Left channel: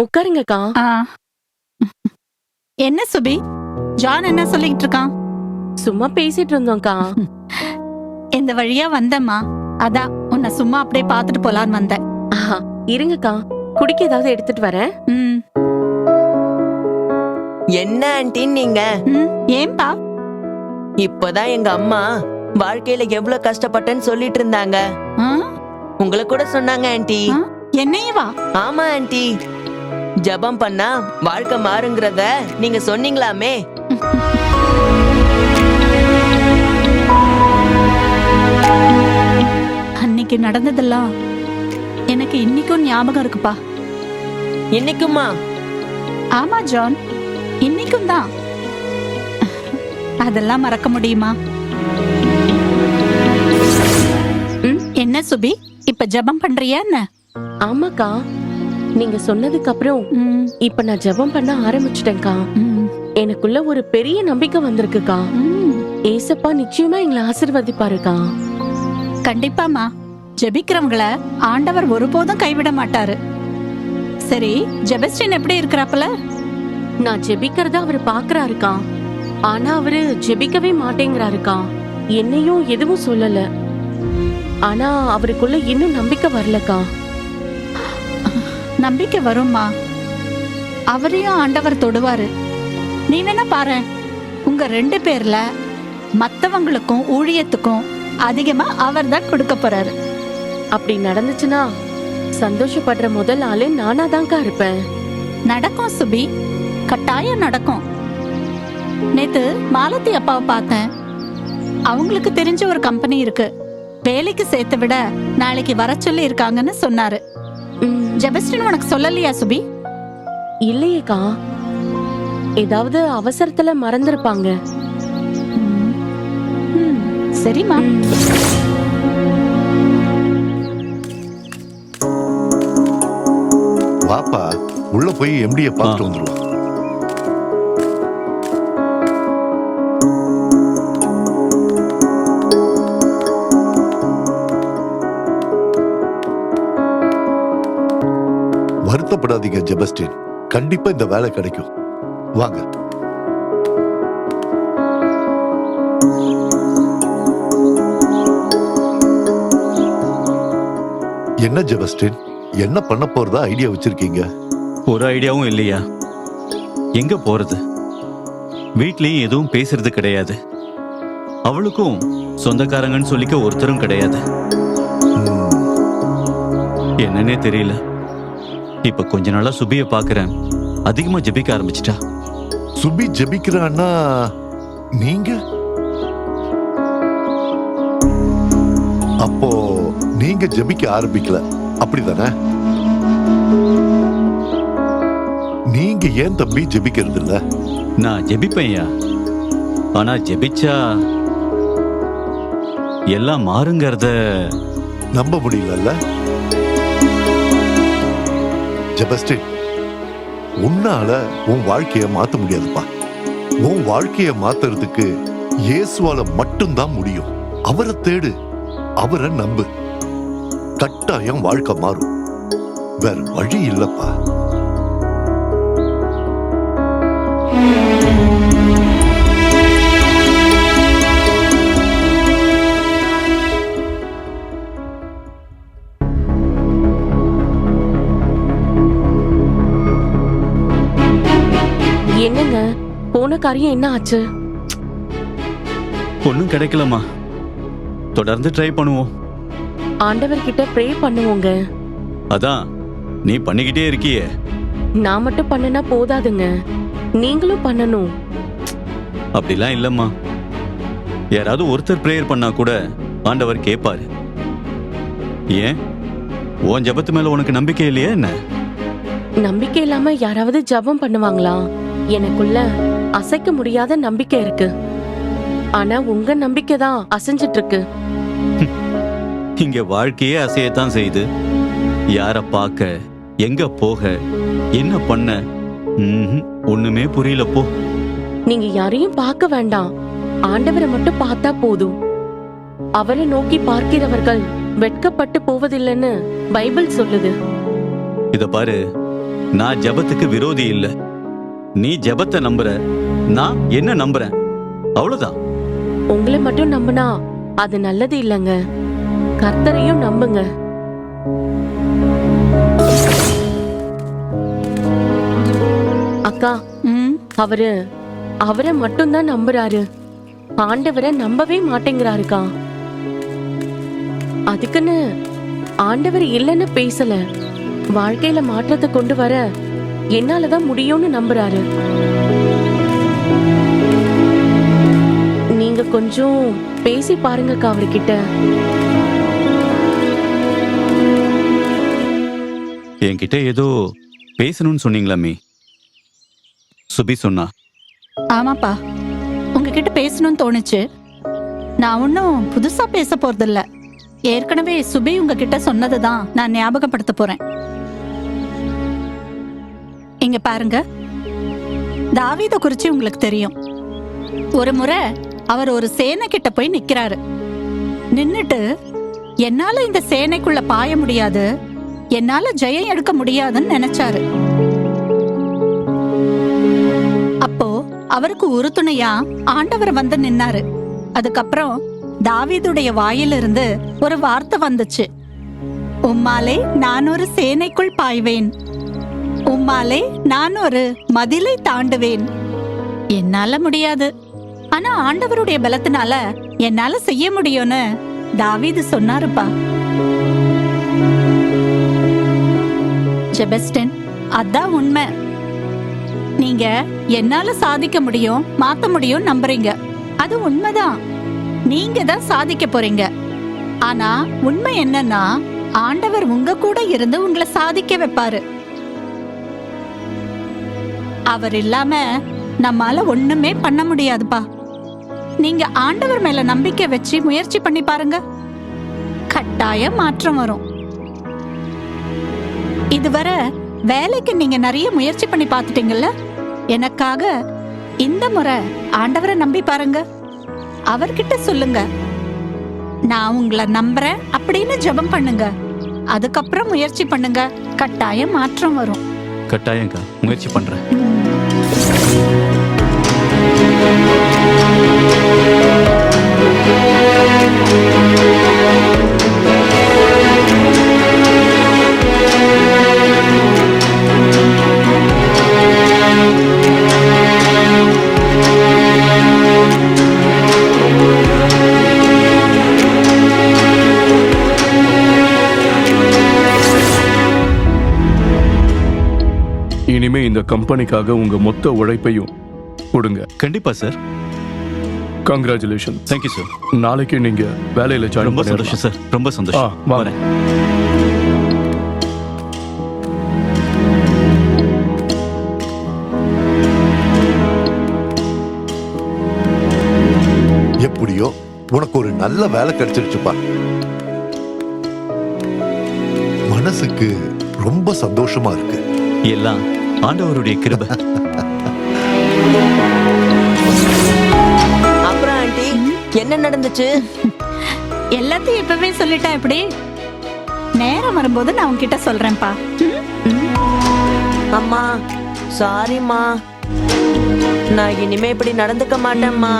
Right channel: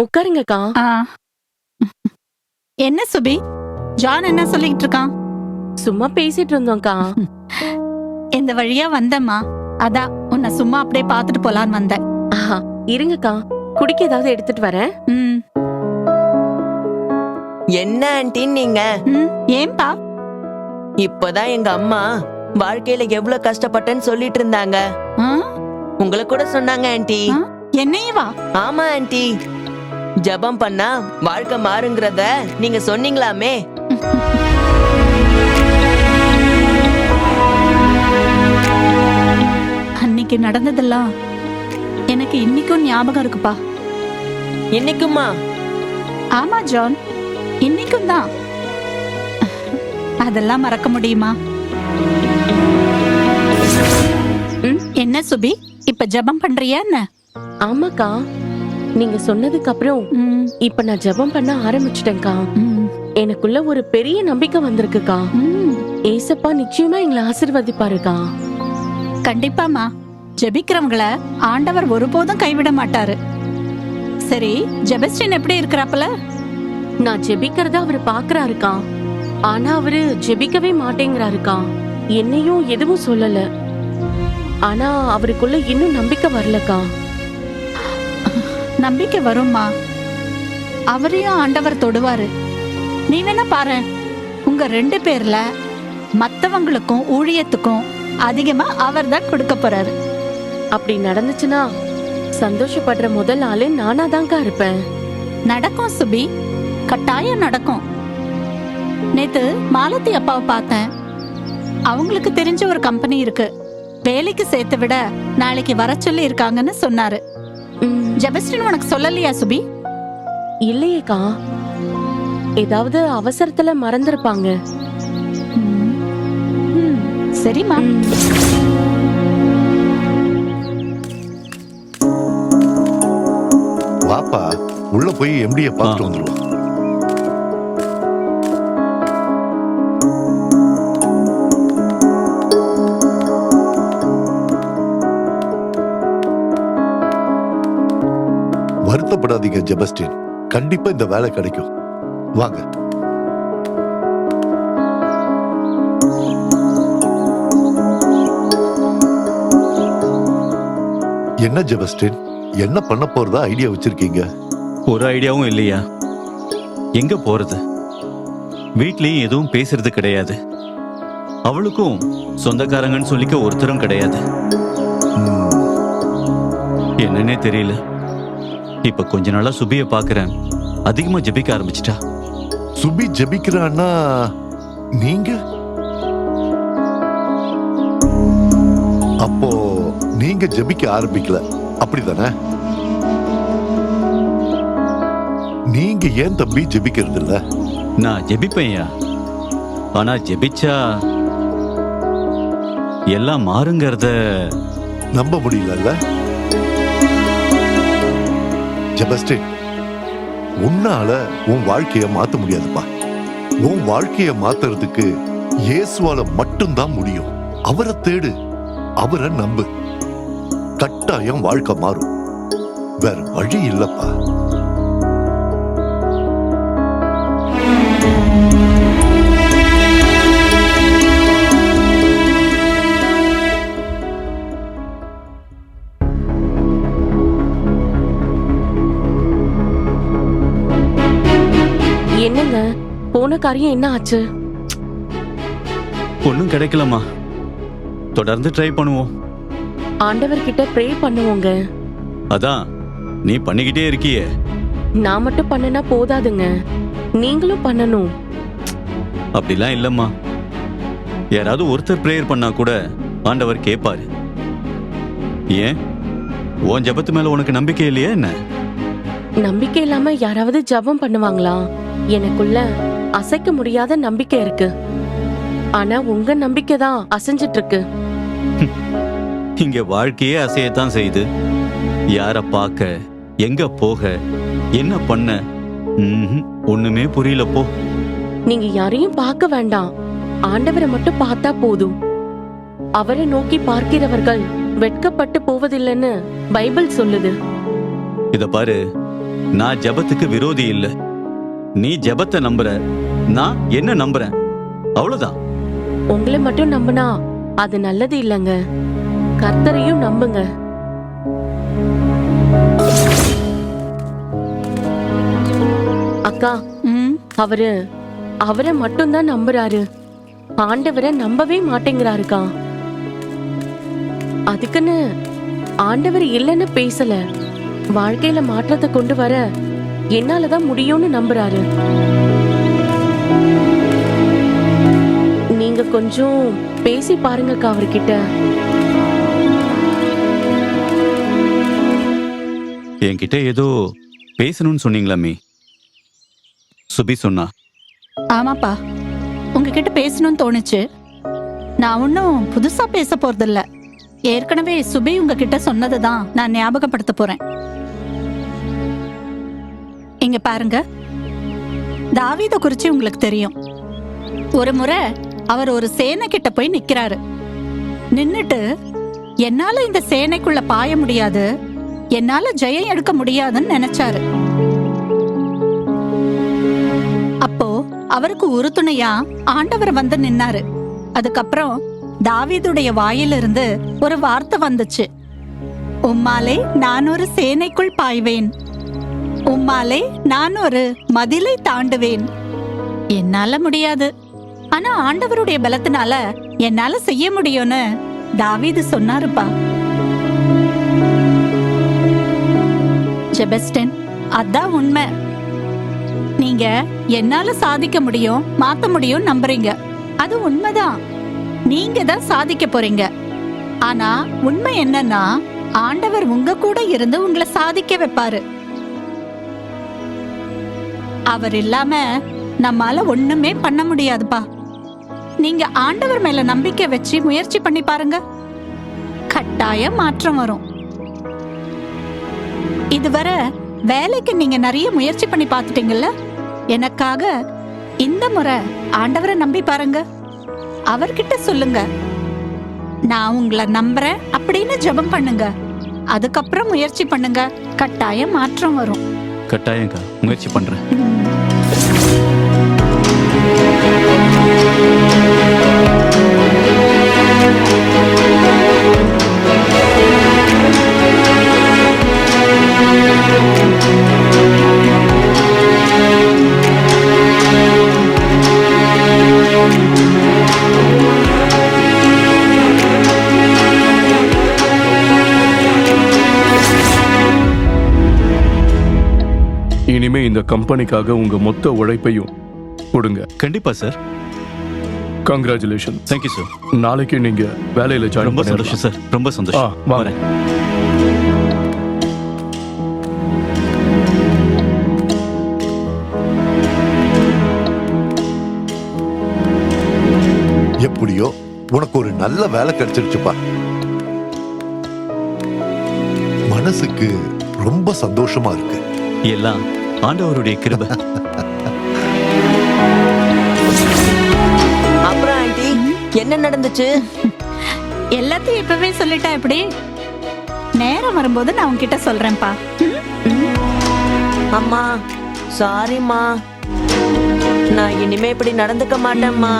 உட்காருங்கக்கா. ஆ. என்ன சுபி? ஜான் என்ன சொல்லிக்கிட்டு இருக்கான்? சும்மா பேசிட்டு இருந்தோம்க்கா. இந்த வழியா வந்தம்மா. அதான் உன்னை சும்மா அப்படியே பார்த்துட்டு போலான்னு வந்தேன். ஆஹா, இருங்கக்கா. குடிக்க ஏதாவது எடுத்துட்டு வரேன். ம். என்ன ஆன்டின்னு நீங்க? ம் ஏன்பா? இப்பதான் எங்க அம்மா வாழ்க்கையில எவ்வளவு கஷ்டப்பட்டேன்னு சொல்லிட்டு இருந்தாங்க. ஆ? உங்களை கூட சொன்னாங்க ஆன்ட்டி ஆ? என்னையும் வா. ஆமா ஆன்ட்டி ஜெபம் பண்ணா வாழ்க்கை மாறுங்கிறத நீங்க சொன்னீங்களாமே. அன்னைக்கு நடந்ததெல்லாம் எனக்கு இன்னைக்கும் ஞாபகம் இருக்குப்பா. இன்னைக்குமா? ஆமா ஜான். இன்னைக்கும் தான். அதெல்லாம் மறக்க முடியுமா? என்ன சுபி? இப்ப ஜெபம் பண்றியா என்ன? ஆமாக்கா. நீங்க சொன்னதுக்கு அப்புறம் இப்ப நான் ஜெபம் பண்ண ஆரம்பிச்சிட்டேன்க்கா. எனக்குள்ள ஒரு பெரிய நம்பிக்கை வந்திருக்குக்கா. ஏசப்பா நிச்சயமா எங்களை ஆசிர்வதிப்பாருக்கா. கண்டிப்பாமா ஜெபிக்கிறவங்கள ஆண்டவர் ஒருபோதும் கைவிட மாட்டாரு. சரி ஜெபஸ்டின் எப்படி இருக்கிறாப்பல? நான் ஜெபிக்கிறத அவரு பாக்குறாருக்கா. ஆனா அவரு ஜெபிக்கவே மாட்டேங்கிறாருக்கா. என்னையும் எதுவும் சொல்லல. ஆனா அவருக்குள்ள இன்னும் நம்பிக்கை வரலக்கா. நம்பிக்கை வரும்மா. அவரையும் ஆண்டவர் தொடுவாரு. நீ வேணா பாரு உங்க ரெண்டு பேர்ல மத்தவங்களுக்கும் ஊழியத்துக்கும் அதிகமா அவர் தான் கொடுக்க போறாரு. அப்படி நடந்துச்சுன்னா சந்தோஷப்படுற முதல் ஆளு நானா தான்க்கா இருப்பேன். நடக்கும் சுபி கட்டாயம் நடக்கும். நேத்து மாலதி அப்பாவை பார்த்தேன். அவங்களுக்கு தெரிஞ்ச ஒரு கம்பெனி இருக்கு. வேலைக்கு சேர்த்து விட நாளைக்கு வர சொல்லி இருக்காங்கன்னு சொன்னாரு. ஜெபஸ்டின் உனக்கு சொல்லலையா சுபி? இல்லையேக்கா. ஏதாவது அவசரத்துல மறந்திருப்பாங்க. ம். ம், சரிம்மா. வாப்பா உள்ள போய் எம்டிய பார்த்துட்டு வந்துருவோம். வருத்தப்படாதீங்க ஜெபஸ்டின். கண்டிப்பா இந்த வேலை கிடைக்கும். வாங்க. என்ன ஜெபஸ்டின்? என்ன பண்ண போறதா ஐடியா வச்சிருக்கீங்க? ஒரு ஐடியாவும் இல்லையா? எங்க போறது? வீட்லயும் எதுவும் பேசுறது கிடையாது. அவளுக்கும் சொந்தக்காரங்கன்னு சொல்லிக்க ஒருத்தரும் கிடையாது. ம், என்னன்னே தெரியல. இப்ப கொஞ்ச நாளா சுபிய பாக்குறேன். அதிகமா ஜெபிக்க ஆரம்பிச்சிட்டா. சுபி ஜெபிக்கிறான்னா நீங்க? அப்போ நீங்க ஜெபிக்க ஆரம்பிக்கல. அப்படிதானே? நீங்க ஏன் தம்பி ஜெபிக்கிறது இல்ல? நான் ஜெபிப்பேன்யா ஆனா ஜெபிச்சா எல்லாம் மாறுங்கிறத நம்ப முடியலல்ல? ஜெபஸ்டின் உன்னால உன் வாழ்க்கைய மாத்த முடியாதுப்பா. உன் வாழ்க்கைய மாத்துறதுக்கு இயேசுவால மட்டும்தான் முடியும். அவரை தேடு அவரை நம்பு. கட்டாயம் வாழ்க்கை மாறும். வேற வழி இல்லப்பா. என்னங்க? போன காரியம் என்ன ஆச்சு? ஒன்னும் கிடைக்கலம்மா. தொடர்ந்து ட்ரை பண்ணுவோம். ஆண்டவர்கிட்ட ப்ரே பண்ணுவோங்க. அதான் நீ பண்ணிக்கிட்டே இருக்கியே. நான் மட்டும் பண்ணனா போதாதுங்க. நீங்களும் பண்ணணும். அப்படிலாம் இல்லம்மா. யாராவது ஒருத்தர் ப்ரேயர் பண்ணா கூட ஆண்டவர் கேட்பாரு ஏன்? உன் ஜெபத்து மேல உனக்கு நம்பிக்கை இல்லையா என்ன? நம்பிக்கை இல்லாம யாராவது ஜெபம் பண்ணுவாங்களா? எனக்குள்ள அசைக்க முடியாத நம்பிக்கை இருக்கு. ஆனா உங்க நம்பிக்கை தான் அசைஞ்சிட்டு இருக்கு இங்க வாழ்க்கையே அசையத்தான் செய்யுது. யார பார்க்க எங்க போக என்ன பண்ண? ஒண்ணுமே புரியல போ. நீங்க யாரையும் பார்க்க வேண்டாம். ஆண்டவரை மட்டும் பார்த்தா போதும். அவரை நோக்கி பார்க்கிறவர்கள் வெட்கப்பட்டு போவதில்லைன்னு பைபிள் சொல்லுது. இத பாரு நான் ஜெபத்துக்கு விரோதி இல்ல. நீ ஜெபத்தை நம்புற நான் என்ன நம்புறேன்? அவ்வளவுதான். உங்களை மட்டும் நம்பினா அது நல்லது இல்லைங்க. கர்த்தரையும் நம்புங்க. அக்கா அவரு அவரை மட்டும்தான் நம்புறாரு. ஆண்டவரை நம்பவே மாட்டேங்கிறாருக்கா. அதுக்குன்னு ஆண்டவர் இல்லைன்னு பேசல. வாழ்க்கையில மாற்றத்தை கொண்டு வர என்னாலதான் முடியும்னு நம்புறாரு. நீங்க கொஞ்சம் பேசி பாருங்கக்கா அவர்கிட்ட. என்கிட்ட ஏதோ பேசணும்னு சொன்னீங்களாமே? சுபி சொன்னா. ஆமாப்பா. உங்ககிட்ட பேசணும்னு தோணுச்சு. நான் ஒன்றும் புதுசா பேச போறதில்ல. ஏற்கனவே சுபி உங்ககிட்ட சொன்னதை தான் நான் ஞாபகப்படுத்த போறேன். இங்க பாருங்க. தாவீத குறிச்சு உங்களுக்கு தெரியும். ஒரு முறை அவர் ஒரு சேனை கிட்ட போய் நிக்கிறாரு. நின்னுட்டு என்னால இந்த சேனைக்குள்ள பாய முடியாது. என்னால ஜெயம் எடுக்க முடியாதுன்னு நினைச்சாரு. அப்போ அவருக்கு உறுதுணையா ஆண்டவர் வந்து நின்னாரு. அதுக்கப்புறம் தாவீதுடைய வாயிலிருந்து ஒரு வார்த்தை வந்துச்சு. உம்மாலே நான் ஒரு சேனைக்குள் பாய்வேன். உம்மாலே நான் ஒரு மதிலை தாண்டுவேன். என்னால முடியாது. ஆனா ஆண்டவருடைய பலத்தினால என்னால செய்ய முடியும்னு தாவீது சொன்னாருப்பா. ஜெபஸ்டன் அதான் உண்மை. நீங்க என்னால சாதிக்க முடியும் மாத்த முடியும் நம்புறீங்க. அது உண்மைதான். நீங்க தான் சாதிக்க போறீங்க. ஆனா உண்மை என்னன்னா ஆண்டவர் உங்க கூட இருந்து உங்களை சாதிக்க வைப்பாரு. அவர் இல்லாம நம்மால ஒண்ணுமே பண்ண முடியாதுப்பா. நீங்க ஆண்டவர் மேல நம்பிக்கை வச்சு முயற்சி பண்ணி பாருங்க. கட்டாய மாற்றம் வரும். இதுவரை வேலைக்கு நீங்க நிறைய முயற்சி பண்ணி பார்த்துட்டீங்கல்ல? எனக்காக இந்த முறை ஆண்டவரை நம்பி பாருங்க. அவர்கிட்ட சொல்லுங்க. நான் உங்களை நம்புறேன் அப்படின்னு ஜெபம் பண்ணுங்க. அதுக்கப்புறம் முயற்சி பண்ணுங்க. கட்டாயம் மாற்றம் வரும். கட்டாயங்கா முயற்சி பண்றேன். you இனிமே இந்த கம்பெனிக்காக உங்க மொத்த உழைப்பையும் கொடுங்க. கண்டிப்பா சார் கங்க்ராச்சுலேஷன் தேங்க்யூ சார் நாளைக்கு நீங்க வேலையில ஜாயின் ரொம்ப சந்தோஷம் சார் ரொம்ப சந்தோஷம். வாங்க. வரேன். எப்படியோ உனக்கு ஒரு நல்ல வேலை கிடைச்சிருச்சுப்பா. மனசுக்கு ரொம்ப சந்தோஷமா இருக்கு. எல்லாம் ஆண்டவருடைய கிருபை. அப்புறம் ஆண்டி என்ன நடந்துச்சு? எல்லாத்தையும் இப்பவே சொல்லிட்டா எப்படி? நேரம் வரும்போது நான் உன்கிட்ட சொல்றேன்ப்பா? அம்மா சாரிம்மா நான் இனிமே இப்படி நடந்துக்க மாட்டேம்மா